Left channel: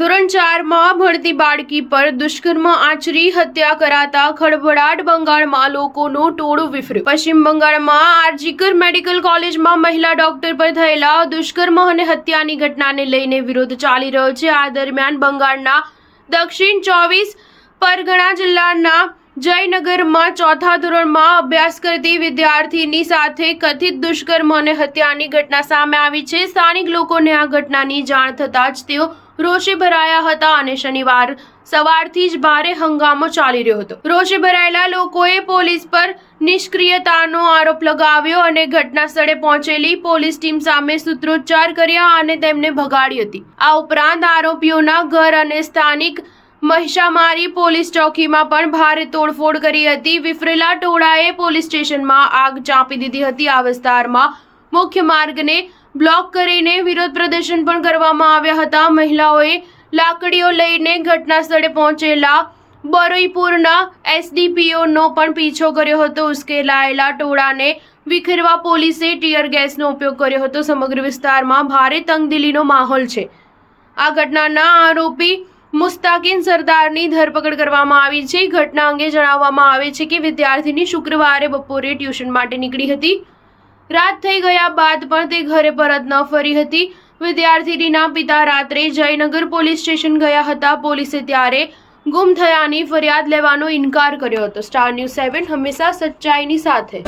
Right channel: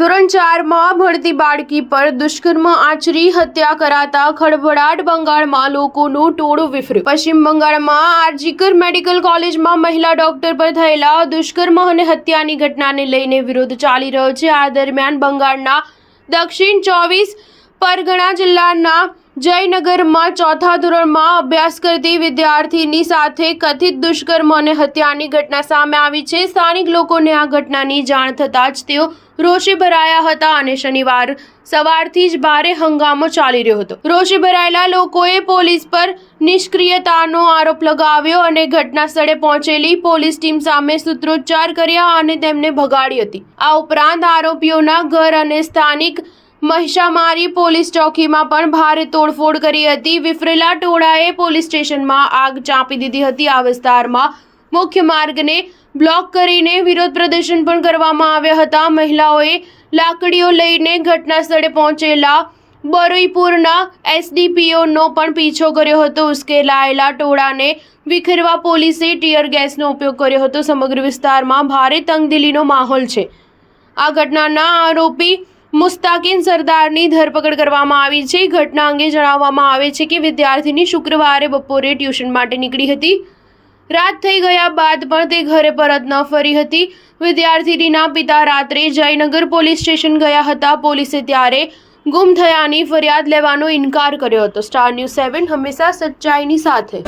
ધોરણ 4માં ભણતી બાળકી પર દુષ્કર્મ આચરી હત્યા કરાતા ખળભળાટ. બંગાળમાં લોકોનું ટોળું વિફર્યું. પશ્ચિમ બંગાળમાં આરજીકર મેડિકલ કોલેજમાં મહિલા ડોક્ટર પર થયેલા દુષ્કર્મ અને હત્યાની ઘટનાને લઈને વિરોધ ચાલી રહ્યો છે. આ દરમિયાન બંગાળના દક્ષિણ 24 પરગણા જિલ્લાના જયનગરમાં ચોથા ધોરણમાં અભ્યાસ કરતી વિદ્યાર્થીની સાથે કથિત દુષ્કર્મ અને હત્યાની ઘટના સામે આવી છે. સ્થાનિક લોકોને આ ઘટનાની જાણ થતાં જ તેઓ રોષે ભરાયા હતા અને શનિવાર સવારથી જ ભારે હંગામો ચાલી રહ્યો હતો. રોષે ભરાયેલા લોકોએ પોલીસ પર નિષ્ક્રિયતાનો આરોપ લગાવ્યો અને ઘટના સ્થળે પહોંચેલી પોલીસ ટીમ સામે સૂત્રોચ્ચાર કર્યા અને તેમને ભગાડી હતી. આ ઉપરાંત આરોપીઓના ઘર અને સ્થાનિક મહિષામારી પોલીસ ચોકીમાં પણ ભારે તોડફોડ કરી હતી. વિફરેલા ટોળાએ પોલીસ સ્ટેશનમાં આગ ચાંપી દીધી હતી. આ વિસ્તારમાં મુખ્ય માર્ગને બ્લોક કરીને વિરોધ પ્રદર્શન પણ કરવામાં આવ્યા હતા. મહિલાઓએ લાકડીઓ લઈને ઘટના સ્થળે પહોંચેલા બરોઈપુરના એસડીપીઓનો પણ પીછો કર્યો હતો. ઉશ્કેરાયેલા ટોળાને વિખેરવા પોલીસે ટીયર ગેસનો ઉપયોગ કર્યો હતો. સમગ્ર વિસ્તારમાં ભારે તંગદિલીનો માહોલ છે. આ ઘટનાના આરોપી મુસ્તાકીન સરદારની ધરપકડ કરવામાં આવી છે. ઘટના અંગે જણાવવામાં આવે છે કે વિદ્યાર્થીની શુક્રવારે બપોરે ટ્યુશન માટે નીકળી હતી. રાત થઈ ગયા બાદ પણ તે ઘરે પરત ન ફરી હતી. વિદ્યાર્થીનીના પિતા રાત્રે જયનગર પોલીસ સ્ટેશન ગયા હતા. પોલીસે ત્યારે ગુમ થયાની ફરિયાદ લેવાનો ઇનકાર કર્યો હતો. સ્ટાર ન્યૂઝ 7 હંમેશા સચ્ચાઈની સાથે.